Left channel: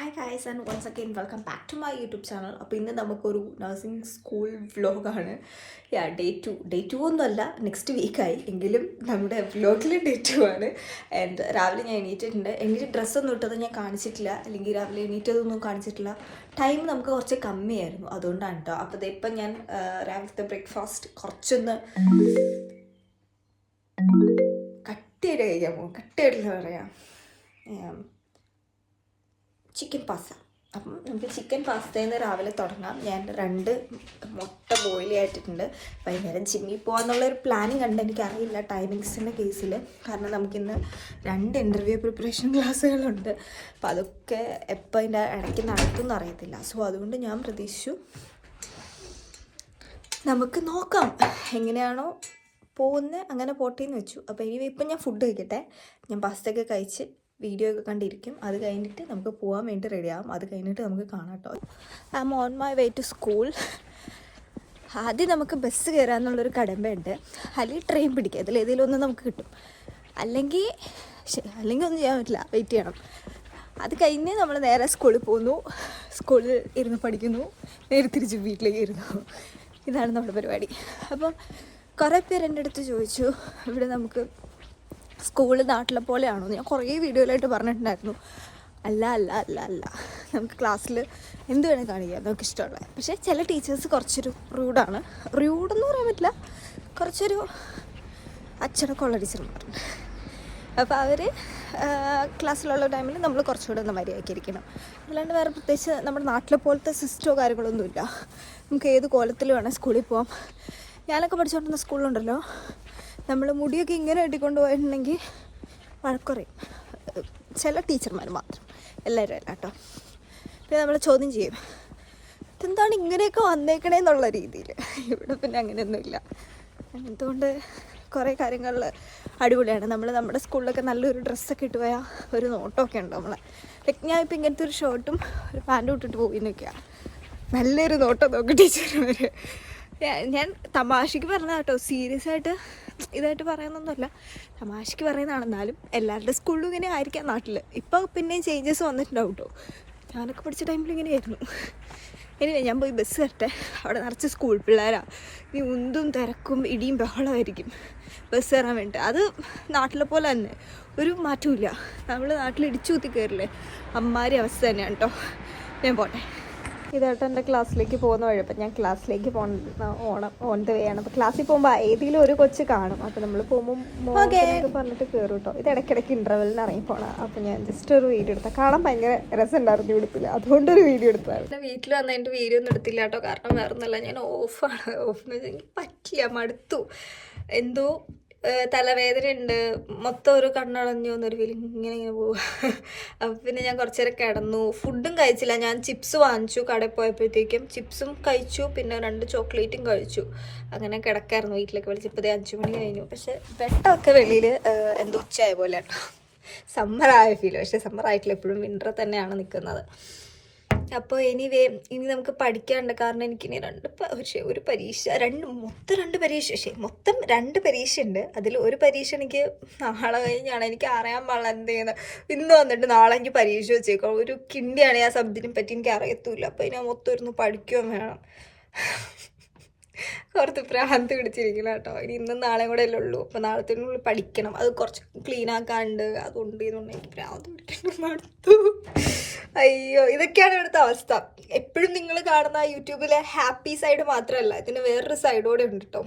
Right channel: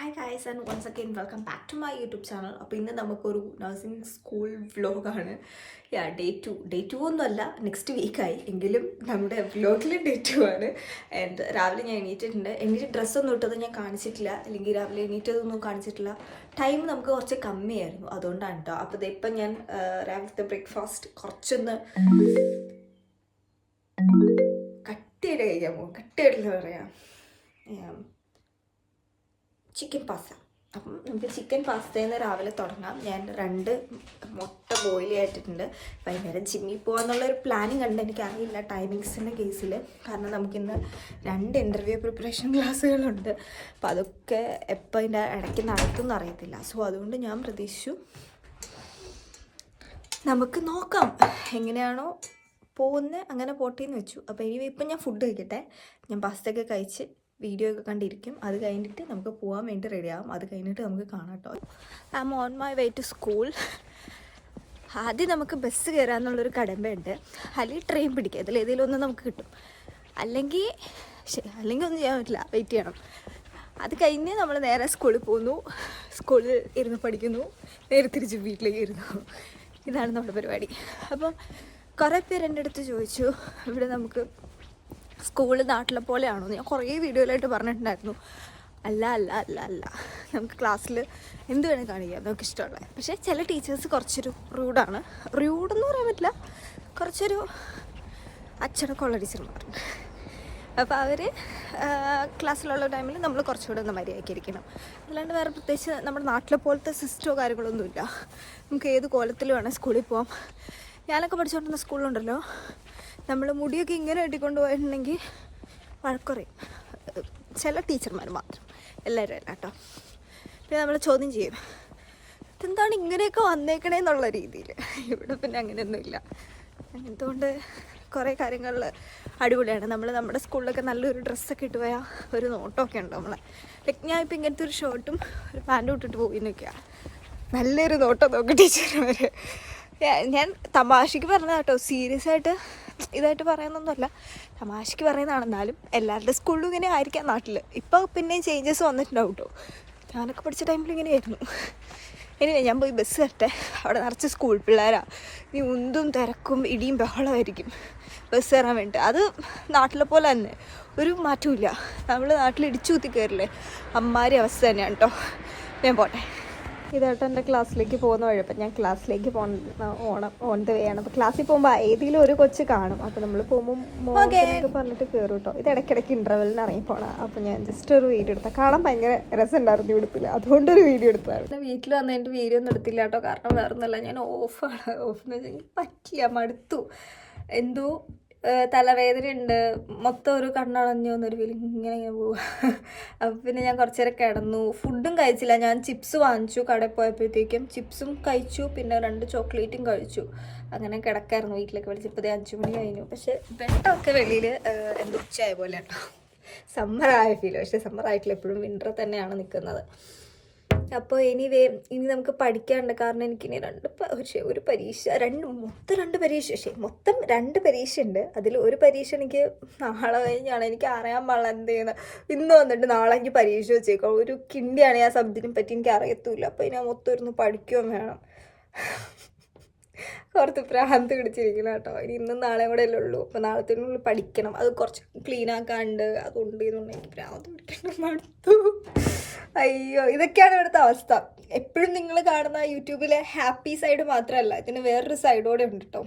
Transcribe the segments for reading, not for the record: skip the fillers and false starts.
Hi guys and once again welcome back to my YouTube channel. അപ്പോൾ ഇന്ന് നമുക്കൊരു nursing school വ്ലോഗാണ്. Day two ഒന്നുമല്ല, നെക്സ്റ്റ് വീക്കായി എങ്കിലും നമ്മുടെ വ്ലോഗിൽ ഡേ 2 ആണ്. ആൻഡ് രാവിലെ ഞാൻ എണീറ്റിട്ടുണ്ട്. എനിക്ക് ഡ്രസ്സൊന്നും ഇട്ടത് ഞാൻ കാണിച്ചിട്ടില്ല, അല്ലെങ്കിൽ രാവിലെ എണീറ്റതൊന്നും കാണിച്ചിട്ടില്ല. ടൈം നമുക്ക് കുറച്ച് കമ്മിയായിരുന്നു, അതുകൊണ്ടാണ് കേട്ടോ. അപ്പോൾ ഇപ്പം ഞാൻ രാവിലത്തെ ബ്രേക്ക്ഫാസ്റ്റ് കുറച്ചൊന്ന് കട്ടിയായിട്ട് കഴിക്കാൻ പോകും. കട്ടിയായിട്ടെന്ന് പറയാം, ചിക്കൻ പാസ്ത. അപ്പം നമുക്ക് ചിക്കൻ പാസ്തയിൽ നിന്ന് രാവിലെ തുടങ്ങാം. ഞാൻ 2 മുട്ട ബോയിൽ ആയിട്ടിട്ടുണ്ട്. വൈകുന്നേരം ജിമ്മിൽ പോകാമെന്നുള്ളൊരു പ്ലാനിങ് ഉണ്ട്. എനിക്കറിയില്ല ടൈമിങ്സിൻ്റെ കേസിൽ, കാരണം നമുക്കിന്ന് 2 ഇൻ്റർവ്യൂ പ്രിപ്പറേഷൻ ക്ലാസ്സുകളുണ്ട്. അപ്പം അതൊക്കെ എപ്പോൾ ഇതിൻ്റെ ഇടയ്ക്ക് നടത്തുമെന്ന് അറിയത്തില്ല. സോ അതുകൊണ്ട് ഞാൻ പ്രതീക്ഷിച്ചു നമുക്ക് നോക്കാം എങ്ങനെയാണോ പോകുന്നത് അങ്ങനെ പോട്ടേന്ന് വെച്ചു. അപ്പോൾ ഇപ്പം ഞാൻ ഫുഡ് കഴിക്കട്ടെ. ഞാൻ പാസ്തയൊക്കെ കഴിച്ച് വീഡിയോ ഒക്കെ കണ്ടിരിക്കും. അത് കഴിഞ്ഞിട്ട് നമുക്ക് പോകാൻ വേണ്ടി റെഡിയാകും. അത് കഴിഞ്ഞിട്ട് നമുക്ക് കാണാം കേട്ടോ. I am on my way to school. ആദ്യം നമുക്ക് ബസ് കയറാമെന്നുള്ളൊരു കടമ്പയുണ്ട്, അല്ലെങ്കിൽ ട്രെയിൻ പിടിക്കുക. ഇതിലേതെങ്കിലും ഒന്ന് നമുക്ക് കിട്ടും. അല്ലെങ്കിൽ ഒന്നും ചെയ്യാൻ പറ്റില്ല, വെയിറ്റ് ചെയ്യണം. അത് കഴിഞ്ഞ് നമ്മൾ നേരെ സ്കൂളിൽ പോകുന്നു, സ്കൂളിൽ ഇരുന്ന് പഠിക്കുന്നു, നേരെ തിരിച്ച് വീട്ടിലേക്ക് ഇരുന്നു. ഇതാണ് നമ്മുടെ പരിപാടി. അപ്പം കുറേ പേര് എൻ്റെ അടുത്ത് ചോദിച്ചു, ഇവിടെ നമുക്ക് സ്കൂള് നാട്ടിലെ പോലെയാണോ? ഞാൻ കുറേ വീഡിയോയിലായിട്ട് പറഞ്ഞിട്ടുണ്ടായിരുന്നു. അല്ല അല്ല അല്ല അല്ല നമുക്ക് ക്ലാസ്സിൽ എന്ത് വേണേൽ കാണിക്കാം, നമുക്ക് ഇഷ്ടമുള്ളത്. പക്ഷേ ചില ടീച്ചേഴ്സ് കുറച്ചൊരു റൂഡാണ്. റൂഡെന്ന് പറയാൻ പറ്റില്ല, കുറച്ചൊരു അച്ചടക്കമുള്ള ടീച്ചർമാരുണ്ട്. അപ്പോൾ അവർ ക്ലാസ്സിലുള്ള ടൈമിൽ നമ്മൾ കുറച്ചുകൂടെ ഒന്ന് മര്യാദയ്ക്കിരിക്കണം. അല്ലാണ്ട് വേറെ പ്രത്യേകിച്ച് നമ്മുടെ നാട്ടിലെ പോലത്തെ സിസ്റ്റമോ കാര്യങ്ങളൊന്നുമില്ല. നമുക്ക് ഏത് കോലത്തിൽ വേണം സ്കൂളിൽ പോകാം. ഞാനൊക്കെ പഠിച്ചുകൊണ്ടിരുന്ന സ്കൂളിലുണ്ടല്ലോ, നമ്മൾ മുടിയൊക്കെ ഇങ്ങനെ കെട്ടിക്കൊണ്ട് പോയിട്ടുണ്ടെങ്കിൽ വഴക്കുറയും. ചില ടീച്ചർമാർ മാത്രം, എല്ലാവരും അല്ല കേട്ടോ. പിന്നെ നമ്മൾ ചോദ്യം ചെയ്യും, എന്താണ് ഇങ്ങനെയൊക്കെ വന്നേക്കണേന്നുള്ള രീതിയിൽ. ഇവിടെ പിന്നെ അങ്ങനെയൊന്നുമില്ല. അതുകൊണ്ട് കുറേ കാര്യങ്ങളിൽ അടിപൊളിയാണ്. നമ്മുടെ സ്കൂളിലൊക്കെ നല്ലൊരു ഡ്രസ്സൊക്കെ ഇട്ട് പോയാൽ ഒരു നോട്ടമൊക്കെ ഉണ്ട് നമ്മളെ. ലൈക്ക് ഞാൻ ഇപ്പോൾ ഇങ്ങനത്തെ ഒരു ഷർട്ടും ഒരു പാൻറ്റും ഇട്ടിട്ട് പോയി നിൽക്കുക, നല്ലൊരു നോട്ടം നോക്കി ടീച്ചർമാർ. ഞാൻ തമാശയ്ക്ക് പറഞ്ഞ കേട്ടോ, സീരിയസ് ആയിട്ട് ഇതായിട്ട് പറയുന്നൊന്നുമല്ല, തമാശയ്ക്ക് പറയുന്നതാണ്. എന്നാലും എല്ലാവരുടെ സ്കൂളിലും ഇങ്ങനെ ആയിരിക്കാം നാട്ടിൽ. ഇപ്പോൾ പിന്നെയും ചേഞ്ചസ് വന്നിട്ടുണ്ടാവും കേട്ടോ. ഞാനൊക്കെ പഠിച്ച ടൈമിൽ ഇങ്ങനെയായിരുന്നു. ഇനി ഞാൻ പോയി ബസ് കയറട്ടെ. അവിടെ നിറച്ച് സ്കൂൾ പിള്ളേരാണ്. ഇനി ഉന്തും തിരക്കും ഇടിയും ബഹളമായിരിക്കും ബസ് കയറാൻ വേണ്ടിയിട്ട്. അത് നാട്ടിലെ പോലെ തന്നെ, ഒരു മാറ്റമില്ല. നമ്മൾ നാട്ടിൽ ഇടിച്ചു കുത്തി കയറില്ലേ, അമ്മാരി അവസ്ഥ തന്നെയാണ് കേട്ടോ. ഞാൻ പോട്ടെ. ഇതായിട്ട് എൻ്റെ ക്ലാസ്സിലേക്ക് പോകുന്ന വഴി. അപ്പം ഞാൻ ക്ലാസ്സിലേക്ക് ഓൺ ദ വേ ആണ്. അപ്പോൾ ക്ലാസ്സിൽ പോകുമ്പോൾ ഏതെങ്കിലും ഒരു കൊച്ച് കാണും. അപ്പോൾ നമ്മൾ പോകുമ്പോൾ മോനൊക്കെ പറഞ്ഞിട്ട് കയറും കേട്ടോ. ഇത് ഇടയ്ക്കിടയ്ക്ക് ഇൻ്റർവെല്ലിന് ഇറങ്ങി പോകണം. അപ്പോൾ ഞാൻ ജസ്റ്റ് ഒരു വീഡിയോ എടുത്താൽ കാണാൻ ഭയങ്കര രസമുണ്ടായിരുന്നു ഉടുപ്പിൽ, അതുകൊണ്ടൊരു വീഡിയോ എടുത്തായിരുന്നു. വീട്ടിൽ വന്നതിൻ്റെ വീഡിയോ ഒന്നും എടുത്തില്ല കേട്ടോ. കാരണം വേറെ ഒന്നുമല്ല, ഞാൻ ഓഫാണ്. ഓഫെന്ന് വെച്ചാൽ എനിക്ക് പറ്റില്ല, മടുത്തു. എന്തോ തലവേദന ഉണ്ട്, മൊത്തം ഒരു കണ്ണടഞ്ഞു എന്നൊരു ഫീലിംഗ് ഇങ്ങനെ പോവുക. അപ്പം പിന്നെ ഞാൻ കുറച്ച് നേരം കിടന്നു. ഫുഡും കഴിച്ചില്ല. ഞാൻ ചിപ്സ് വാങ്ങിച്ചു കടയിൽ പോയപ്പോഴത്തേക്കും. ചിപ്സും കഴിച്ചു, പിന്നെ 2 ചോക്ലേറ്റും കഴിച്ചു. അങ്ങനെ കിടക്കായിരുന്നു. വീട്ടിലേക്ക് വിളിച്ച് ഇപ്പോൾ 5 മണി കഴിഞ്ഞു. പക്ഷേ വെട്ടമൊക്കെ വെളിയിൽ എന്തോ ഉച്ചയായ പോലെ കേട്ടോ. സമ്മറായ ഫീൽ. പക്ഷേ സമ്മറായിട്ടില്ല, എപ്പോഴും വിൻ്റർ തന്നെയാണ് നിൽക്കുന്നത്. അപ്പോൾ ഇനി നമുക്ക് പഠിക്കാനുണ്ട്. കാരണം എനിക്കിനി ഒരു പരീക്ഷ, മൊത്തം 2 പരീക്ഷ ഉണ്ട്. അതിൽ ഒരു പരീക്ഷ എനിക്ക് നാളെ കഴിഞ്ഞാണ്. എനിക്ക് അറിയാൻ പാടില്ല എന്ത് ചെയ്യുന്നത്. ഇന്ന് വന്നിട്ട് നാളെ എനിക്ക് പരീക്ഷ വെച്ചേക്കാം. ഒരു കിണ്ടിയാണ് ആ സബ്ജക്റ്റിനെ പറ്റി എനിക്ക് അറിയത്തില്ല. അപ്പോൾ ഇനി മൊത്തം ഇരുന്ന് പഠിക്കുകയും വേണം. കുറച്ച് ഭ്രാന്ത് പിടിച്ചിരിക്കണം കേട്ടോ. ഇനി ഇന്നും നാളെയും കൂടെ അല്ലേ ഉള്ളൂ. അപ്പോൾ നാളത്തേക്കുള്ളിൽ പഠിക്കണം. അത് കുറച്ച് ക്ലീൻ ആക്കാണ്ട് അതുകൊണ്ട് ഇതുകൊണ്ട് എനിക്ക് ഭ്രാന്ത് പിടിക്കാൻ മടുത്തു. അയ്യോ, ഇതൊക്കെയാണ് ഇവിടുത്തെ അവസ്ഥ. എപ്പോഴും നിങ്ങൾ കാണുന്ന യൂട്യൂബിലെ ഹാപ്പി സൈഡ് മാത്രമല്ല, ഇതിന് വേറൊരു സൈഡോടെ ഉണ്ട് കേട്ടോ.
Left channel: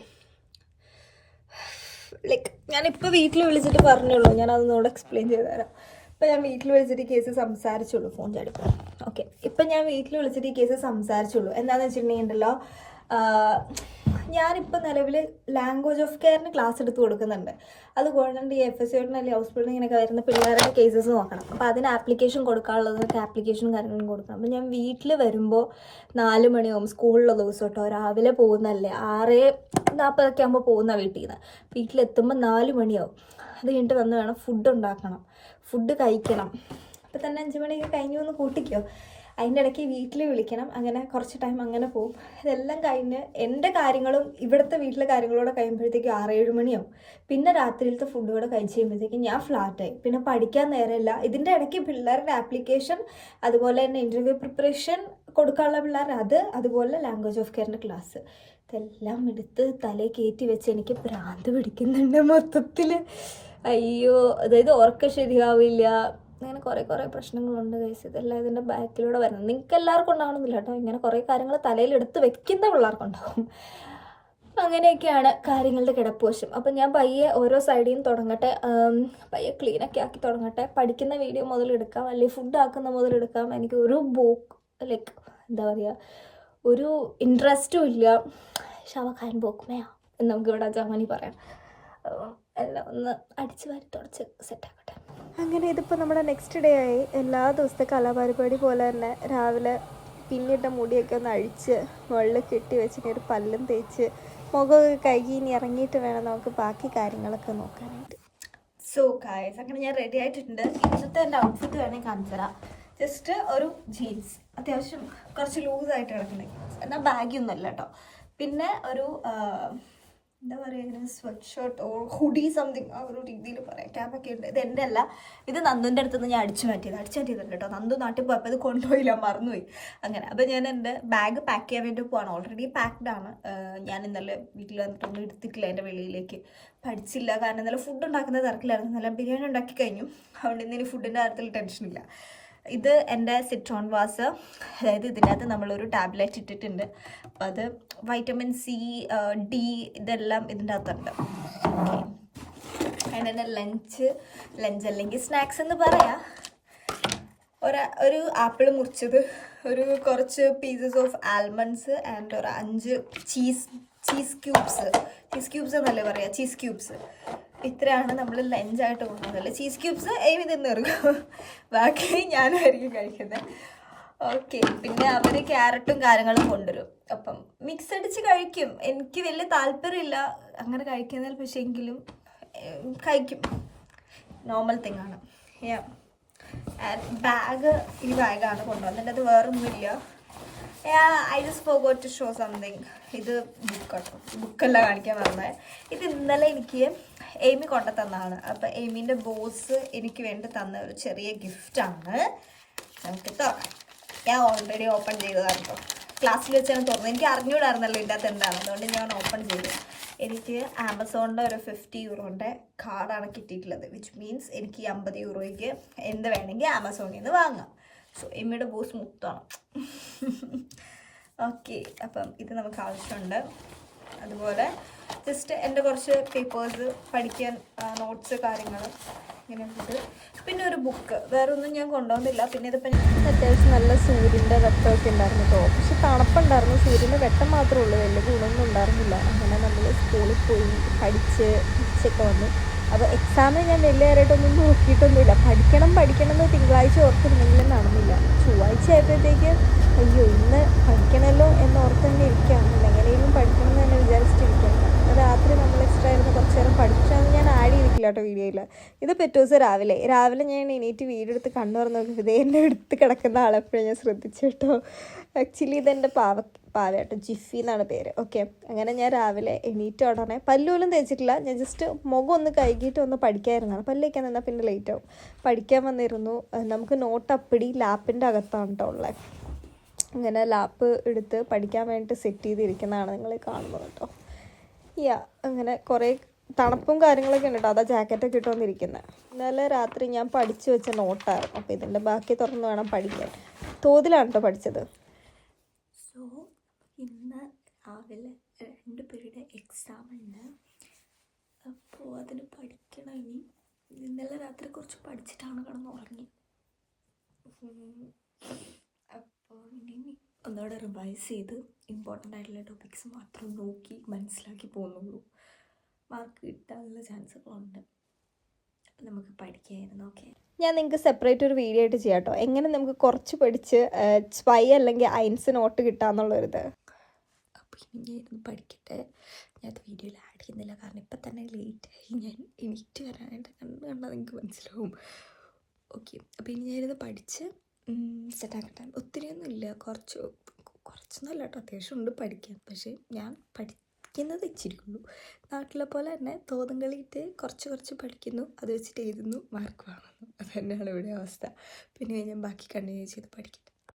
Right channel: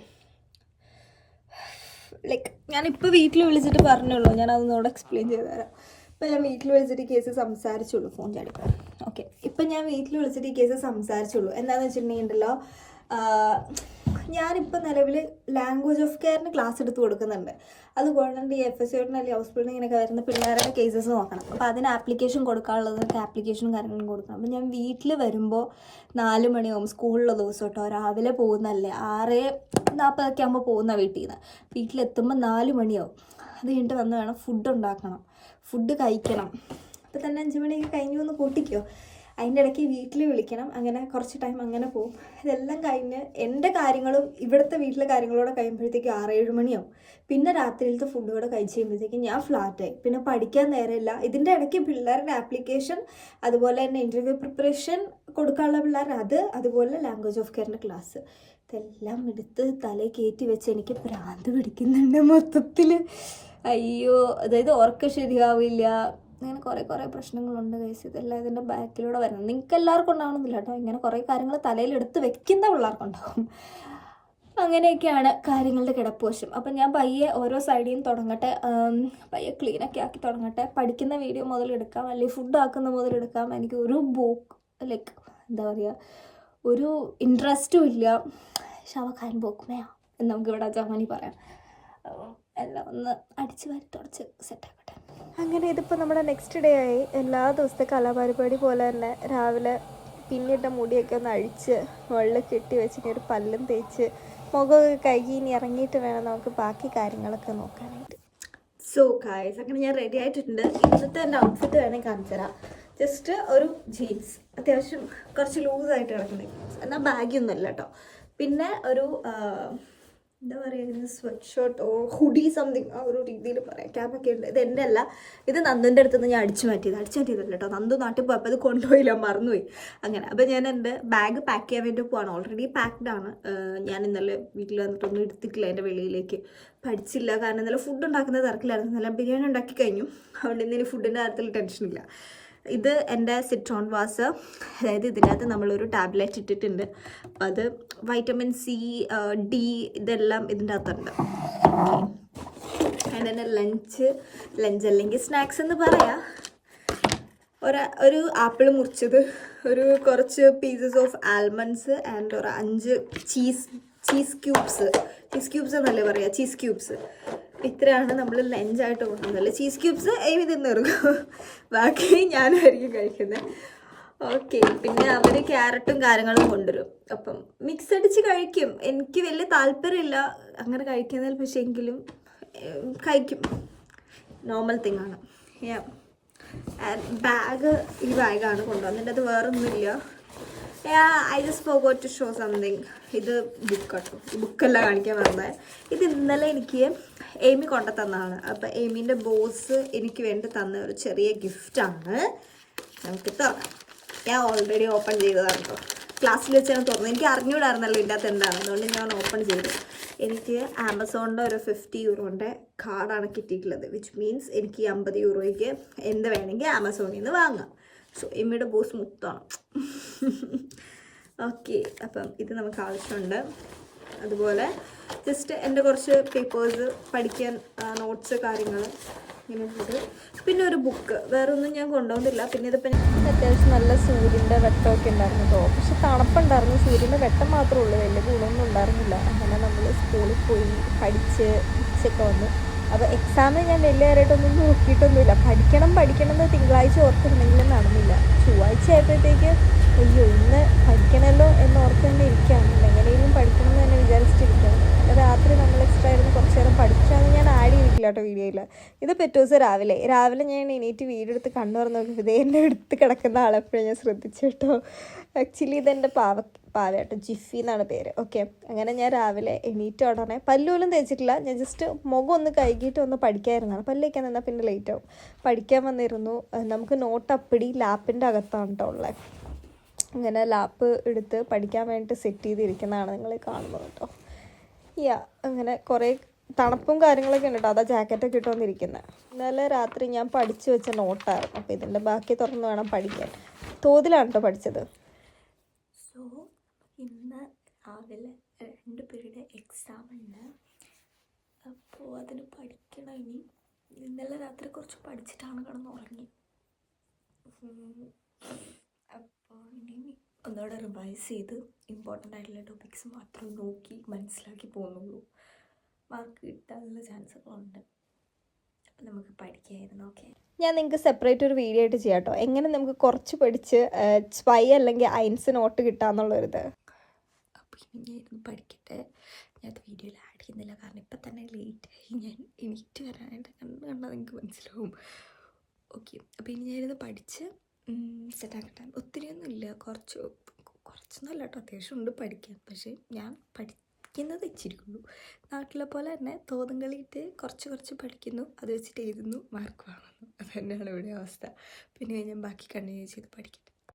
ലൈക്ക് ഞാനിപ്പോൾ വീട്ടിൽ വിളിച്ചിട്ട് പറഞ്ഞുള്ളൂ, ഞാൻ അതൊന്നുകൂടെ എക്സ്പ്ലെയിൻ ചെയ്ത് തരാം. ഇപ്പം ഞാൻ വീട്ടിൽ വിളിച്ചിട്ട് ഈ കേസ് സംസാരിച്ചുള്ളൂ. ഫോൺ ചാടിപ്പോ. ഓക്കെ, ഇപ്പം ഞാൻ വീട്ടിൽ വിളിച്ചിട്ട് ഈ കേസ് സംസാരിച്ചുള്ളൂ. എന്താണെന്ന് വെച്ചിട്ടുണ്ടെങ്കിൽ ഉണ്ടല്ലോ, ഞാനിപ്പോൾ നിലവിൽ ലാംഗ്വേജ് ഓഫ് കെയറിന് ക്ലാസ് എടുത്ത് കൊടുക്കുന്നുണ്ട്. അതുകൊണ്ട് ഈ FSC അല്ലെങ്കിൽ ഹൗസ് ബിൽഡിങ്ങിനൊക്കെ വരുന്ന പിള്ളേരുടെ കേസസ് നോക്കണം. അപ്പോൾ അതിന് ആപ്ലിക്കേഷൻ കൊടുക്കാനുള്ളതൊക്കെ ആപ്ലിക്കേഷനും കാര്യങ്ങളും കൊടുക്കണം. അപ്പോൾ ഞാൻ വീട്ടിൽ വരുമ്പോൾ 4 മണിയാവും. സ്കൂളിലുള്ള ദിവസം കേട്ടോ. രാവിലെ പോകുന്നതല്ലേ, 6:40 ആകുമ്പോൾ പോകുന്ന വീട്ടിൽ നിന്ന്. വീട്ടിലെത്തുമ്പോൾ 4 മണിയാവും. അത് കഴിഞ്ഞിട്ട് വന്ന് വേണം ഫുഡ് ഉണ്ടാക്കണം, ഫുഡ് കഴിക്കണം. അപ്പോൾ തന്നെ 5 മണിയൊക്കെ കഴിഞ്ഞു എന്ന് കൂട്ടിക്കോ. അതിൻ്റെ ഇടയ്ക്ക് വീട്ടിൽ വിളിക്കണം, അങ്ങനെ കുറച്ച് ടൈം അങ്ങനെ പോകും. ഇതെല്ലാം കഴിഞ്ഞ് എൻ്റെ കാര്യങ്ങളും ഇവിടുത്തെ വീട്ടിലെ കാര്യങ്ങളോടെ കഴിയുമ്പോഴത്തേക്കും 6-7 മണിയാവും. പിന്നെ രാത്രിയിലത്തെ ഫുഡ് കൂടെ കഴിച്ച് കഴിയുമ്പോഴത്തേക്കും ഞാൻ ഫ്ലാറ്റായി. പിന്നെ പഠിക്കാൻ നേരമില്ല. ഇതിൻ്റെ ഇടയ്ക്ക് പിള്ളേരുടെ ആപ്ലിക്കേഷൻ, അതുപോലെ തന്നെ ഇൻ്റർവ്യൂ പ്രിപ്പറേഷൻ കൊടുക്കാനുള്ള പിള്ളേരുടെ അതുപോലെ ലാംഗ്വേജ് ഓഫ് കെയറിൻ്റെ ക്ലാസ്, ഇതെല്ലാം എടുത്ത് തലയിൽ കയറ്റി വെച്ച് എനിക്ക് ഭ്രാന്ത് പിടിക്കുന്നുണ്ട് മൊത്തത്തിൽ. അയ്യോ, അതായത് ഉറക്കം ശരിയാവില്ല, അങ്ങനെ കുറേ പ്രശ്നങ്ങളുണ്ട് ഗൈസ്. ഇതെല്ലാം ഇതിൻ്റെ ബാക്കിലൂടെ വരുന്നത്. നിങ്ങൾക്ക് എല്ലാവർക്കും ഉണ്ടാവണമെന്നില്ല കേട്ടോ. ഇങ്ങനെ കുറേ കാര്യങ്ങൾ തലയിൽ എടുത്ത് വെക്കുന്ന പിള്ളേർക്കുണ്ടാവും. അങ്ങനെയൊക്കെയാണ് കാര്യങ്ങളുടെ കിടപ്പുവശം. അപ്പം ഞാൻ പയ്യെ ഓരോ സൈഡിൽ നിന്ന് തുടങ്ങട്ടെ, പയ്യെ ക്ലീനൊക്കെ ആക്കി തുടങ്ങട്ടെ. പഠിക്കുന്ന വീഡിയോ മുതലെടുക്കാം, അല്ലെങ്കിൽ ഫുഡ് ആക്കുന്ന മുതലെടുക്കാം. എനിക്ക് ഒരു ലൈക്ക് എന്താ പറയുക, ഒരു ഇൻട്രസ്റ്റും ഇല്ല. ഷവഖാൻ ബോക്മയാ എന്ന് നമുക്കിവിടെ ജർമ്മനി പറയാം. എല്ലാം ഒന്ന് അടിച്ച് വാരി തുടച്ച് സെറ്റാക്കട്ടെ. അങ്ങനെ ഇതിപ്പോൾ നമ്മുടെ നെക്സ്റ്റ് ഡേ ആയി. എല്ലാ ദിവസത്തെ കലാപരിപാടി പോലെ തന്നെ രാവിലെ പിന്നിട്ട മുടിയൊക്കെ ഒന്ന് അഴിച്ച് മുകളിൽ കെട്ടി വെച്ചിട്ട് ഒരു പല്ലും തേച്ച് മുഖമൊക്കെ കഴുകി ഇനി ഇറങ്ങിയിട്ട് വേണം നമുക്ക് ബാക്കി കാര്യങ്ങളൊക്കെ നോക്കാനായിട്ട്. സോ ഗായ്സ്, അങ്ങനെ ഞാൻ റെഡി ആയിട്ടുണ്ട്. ഇന്നത്തെ എൻ്റെ ഔട്ട്ഫിറ്റ് വേണമെങ്കിൽ കാണിച്ചു തരാം. ജസ്റ്റ് ഒരു ജീൻസ്, അത്യാവശ്യം കുറച്ച് ലൂസായിട്ട് കിടക്കുന്നത്, എന്നാൽ ബാഗിയൊന്നുമല്ല കേട്ടോ. പിന്നെ ഒരു എന്താ പറയുക, sweat shirt or hoodie something, ആ ഒരു രീതിയിൽ പറയാം. ക്യാപ്പൊക്കെ ഉണ്ട്. ഇത് എൻ്റെ അല്ല, ഇത് നന്ദുൻ്റെ അടുത്ത് നിന്ന് ഞാൻ അടിച്ചു മാറ്റിയതല്ല കേട്ടോ. നന്ദു നാട്ടിൽ പോയപ്പോൾ അത് കൊണ്ടുപോയില്ല, മറന്നുപോയി. അങ്ങനെ അപ്പോൾ ഞാൻ എൻ്റെ ബാഗ് പാക്ക് ചെയ്യാൻ വേണ്ടി പോവാണ്. ഓൾറെഡി പാക്ഡ് ആണ്. ഞാൻ ഇന്നലെ വീട്ടിൽ വന്നിട്ടൊന്നും എടുത്തിട്ടില്ല എൻ്റെ വെളിയിലേക്ക്. പഠിച്ചില്ല, കാരണം ഇന്നലെ ഫുഡ് ഉണ്ടാക്കുന്ന തിരക്കിലായിരുന്നു. നല്ല ബിരിയാണി ഉണ്ടാക്കി കഴിഞ്ഞു, അതുകൊണ്ട് ഇന്ന് ഇനി ഫുഡിൻ്റെ കാര്യത്തിൽ ടെൻഷനില്ല. ഇത് എൻ്റെ സിട്രോൺ വാസ്, അതായത് ഇതിൻ്റെ അകത്ത് നമ്മളൊരു ടാബ്ലറ്റ് ഇട്ടിട്ടുണ്ട്. അപ്പോൾ അത് വൈറ്റമിൻ സി, ഡി ഇതെല്ലാം ഇതിൻ്റെ അകത്തുണ്ട്. ഓക്കെ, അതിൻ്റെ ലഞ്ച് അല്ലെങ്കിൽ സ്നാക്സ് എന്ന് പറയാം. ഒരു ആപ്പിൾ മുറിച്ചത്, ഒരു കുറച്ച് പീസസ് ഓഫ് ആൽമണ്ട്സ് ആൻഡ് ഒരു 5 ചീസ് ക്യൂബ്സ് എന്നല്ലേ പറയാം, ചീസ് ക്യൂബ്സ്. ഇത്രയാണ് നമ്മൾ ലഞ്ചായിട്ട് കൊണ്ടുവന്നത്. ചീസ് ക്യൂബ്സ് ഏവി തിന്നിറങ്ങും, ബാക്കി ഞാനായിരിക്കും കഴിക്കുന്നത്. ഓക്കെ, പിന്നെ അവർ ക്യാരറ്റും കാര്യങ്ങളും കൊണ്ടുവരും. അപ്പം മിക്സ് അടിച്ച് കഴിക്കും. എനിക്ക് വലിയ താല്പര്യമില്ല അങ്ങനെ കഴിക്കുന്നതിൽ, പക്ഷേ എങ്കിലും കഴിക്കും. നോർമൽ തിങ്ങാണ്. ഈ ബാഗാണ് കൊണ്ടുവന്നത്. അത് വേറൊന്നുമില്ല. I just forgot to show something. ഇത് ബുക്കാട്ടോ, ബുക്കല്ല കാണിക്കാൻ പറഞ്ഞത്. ഇത് ഇന്നലെ എനിക്ക് എയ്മി കൊണ്ടു തന്നതാണ്. അപ്പം എയ്മീൻ്റെ ബോസ് എനിക്ക് വേണ്ടി തന്ന ഒരു ചെറിയ ഗിഫ്റ്റാണ്. നമുക്ക് തുറക്കാം. ഞാൻ ഓൾറെഡി ഓപ്പൺ ചെയ്തതാണ് കേട്ടോ. ക്ലാസ്സിൽ വെച്ചാണ് തുറന്നത്. എനിക്ക് അറിഞ്ഞൂടായിരുന്നല്ലോ ഇതിൻ്റെ അകത്ത് എന്താണ്, അതുകൊണ്ട് ഞാൻ ഓപ്പൺ ചെയ്തു. എനിക്ക് ആമസോണിൻ്റെ ഒരു 50 യൂറോൻ്റെ കാർഡാണ് കിട്ടിയിട്ടുള്ളത്. വിച്ച് മീൻസ് എനിക്ക് 50 യൂറോയ്ക്ക് എന്ത് വേണമെങ്കിൽ ആമസോണിൽ നിന്ന് വാങ്ങാം. സോ എമ്മിയുടെ ബോസ് മുത്താണ്. ഓക്കെ, അപ്പം ഇത് നമുക്ക് ആവശ്യമുണ്ട്. അതുപോലെ ജസ്റ്റ് എൻ്റെ കുറച്ച് പേപ്പേഴ്സ്, പഠിക്കാൻ നോട്ട്സ്, കാര്യങ്ങൾ ഇങ്ങനെ ഉണ്ട്. പിന്നെ ഒരു ബുക്ക്, വേറെ ഒന്നും ഞാൻ കൊണ്ടുപോകുന്നില്ല. പിന്നെ ഇതിപ്പോൾ അത്യാവശ്യം നല്ല സൂര്യൻ്റെ വെട്ടമൊക്കെ ഉണ്ടായിരുന്നു കേട്ടോ. പക്ഷെ തണുപ്പുണ്ടായിരുന്നു, സൂര്യൻ്റെ വെട്ടം മാത്രമേ ഉള്ളൂ, വലിയ ഗുണമൊന്നും ഉണ്ടായിരുന്നില്ല. അങ്ങനെ നമ്മൾ സ്കൂളിൽ പോയി പഠിച്ച് തിരിച്ചൊക്കെ വന്നു. അപ്പോൾ എക്സാമിന് ഞാൻ വലിയ കാര്യമായിട്ടൊന്നും നോക്കിയിട്ടൊന്നുമില്ല. പഠിക്കണം എന്ന് തിങ്കളാഴ്ച ഓർത്തിരുന്നെങ്കിലും നടന്നില്ല. ചൊവ്വാഴ്ച ആയപ്പോഴത്തേക്ക് അയ്യോ ഇന്ന് പഠിക്കണമല്ലോ എന്നോർത്ത് തന്നെ ഇരിക്കുകയാണ്. എങ്ങനെയും പഠിക്കണം എന്ന് തന്നെ വിചാരിച്ചിട്ടിരിക്കുകയാണ്. അങ്ങനെ രാത്രി നമ്മൾ എക്സ്ട്രാ ഇരുന്ന് കുറച്ച് നേരം പഠിച്ചാന്ന് ഞാൻ ആഡ് ചെയ്തിട്ടില്ല കേട്ടോ വീഡിയോയിൽ. ഇത് പിറ്റേ ദിവസം രാവിലെ ഞാൻ എണീറ്റ് വീഡിയോ എടുത്ത് കണ്ണു തുറന്ന് നോക്കിയപ്പോൾ ഇതേ എൻ്റെ എടുത്ത് കിടക്കുന്ന ആളെപ്പോഴും ഞാൻ ശ്രദ്ധിച്ചു കേട്ടോ. ആക്ച്വലി ഇതെൻ്റെ പാവയാട്ടോ, ജിഫി എന്നാണ് പേര്. ഓക്കെ, അങ്ങനെ ഞാൻ രാവിലെ എണീറ്റ് ഉടനെ പല്ലുപോലും തേച്ചിട്ടില്ല. ഞാൻ ജസ്റ്റ് മുഖം ഒന്ന് കഴുകിയിട്ട് ഒന്ന് പഠിക്കാതിരുന്നതാണ്. പല്ല് വയ്ക്കാൻ നിന്നാൽ പിന്നെ ലേറ്റ് ആവും. പഠിക്കാൻ വന്നിരുന്നു. നമുക്ക് നോട്ട് അപ്പടി ലാപ്പിൻ്റെ അകത്താണ് കേട്ടോ ഉള്ളത്. അങ്ങനെ ലാപ്പ് എടുത്ത് പഠിക്കാൻ വേണ്ടിയിട്ട് സെറ്റ് ചെയ്തിരിക്കുന്നതാണ് നിങ്ങൾ കാണുന്നത് കേട്ടോ. അങ്ങനെ കുറേ തണുപ്പും കാര്യങ്ങളൊക്കെ ഉണ്ട് കേട്ടോ. അതാ ജാക്കറ്റൊക്കെ ഇട്ട് വന്നിരിക്കുന്നത്. ഇന്നലെ രാത്രി ഞാൻ പഠിച്ചു വെച്ച നോട്ടായിരുന്നു. അപ്പോൾ ഇതിൻ്റെ ബാക്കി തുറന്ന് വേണം പഠിക്കാൻ. തോതിലാണ് കേട്ടോ പഠിച്ചത്. സോ ഇന്ന് രാവിലെ 2 പീരീഡ് എക്സാം ഉണ്ട്. അപ്പോൾ അതിന് പഠിക്കണം. ഇന്നലെ രാത്രി കുറച്ച് പഠിച്ചിട്ടാണ് കിടന്നുറങ്ങി. അപ്പോൾ ഇനി ഒന്നുകൂടെ റിവൈസ് ചെയ്ത് ഇമ്പോർട്ടൻ്റ് ആയിട്ടുള്ള ടോപ്പിക്സ് മാത്രം നോക്കി മനസ്സിലാക്കി പോകുന്നുള്ളൂ. മാർക്ക് കിട്ടാനുള്ള ചാൻസുകളുണ്ട്. അപ്പം നമുക്ക് പഠിക്കായിരുന്നു. ഓക്കെ, ഞാൻ നിങ്ങൾക്ക് സെപ്പറേറ്റ് ഒരു വീഡിയോ ആയിട്ട് ചെയ്യാം കേട്ടോ. എങ്ങനെ നമുക്ക് കുറച്ച് പഠിച്ച് സ്വൈ അല്ലെങ്കിൽ അയൻസ് നോട്ട് കിട്ടാമെന്നുള്ളൊരിത്. അപ്പോൾ ഇനി ഞാൻ ഇരുന്ന് പഠിക്കട്ടെ. ഞാനത് വീഡിയോയിൽ ആഡ് ചെയ്യുന്നില്ല, കാരണം ഇപ്പം തന്നെ ലേറ്റായി. ഞാൻ എണീറ്റ് വരാനായിട്ട് കണ്ടത് നിങ്ങൾക്ക് മനസ്സിലാവും. ഓക്കെ, അപ്പോൾ ഇനി ഞാനിത് പഠിച്ച് സെറ്റാക്കട്ടെ. ഒത്തിരിയൊന്നും ഇല്ല, കുറച്ചൊന്നുമല്ല കേട്ടോ, അത്യാവശ്യം ഉണ്ട് പഠിക്കാൻ. പക്ഷേ ഞാൻ പഠിക്കുന്നത് ഇച്ചിരി ഉള്ളൂ. നാട്ടിലെ പോലെ തന്നെ തോന്നും കളിയിട്ട് കുറച്ച് പഠിക്കുന്നു, അത് വെച്ചിട്ട് എഴുതുന്നു, മാർക്ക് വാങ്ങുന്നു. അത് തന്നെയാണ് ഇവിടെ അവസ്ഥ. പിന്നെ ഞാൻ ബാക്കി കണ്ടിന്യൂ ചെയ്ത് പഠിക്കട്ടെ.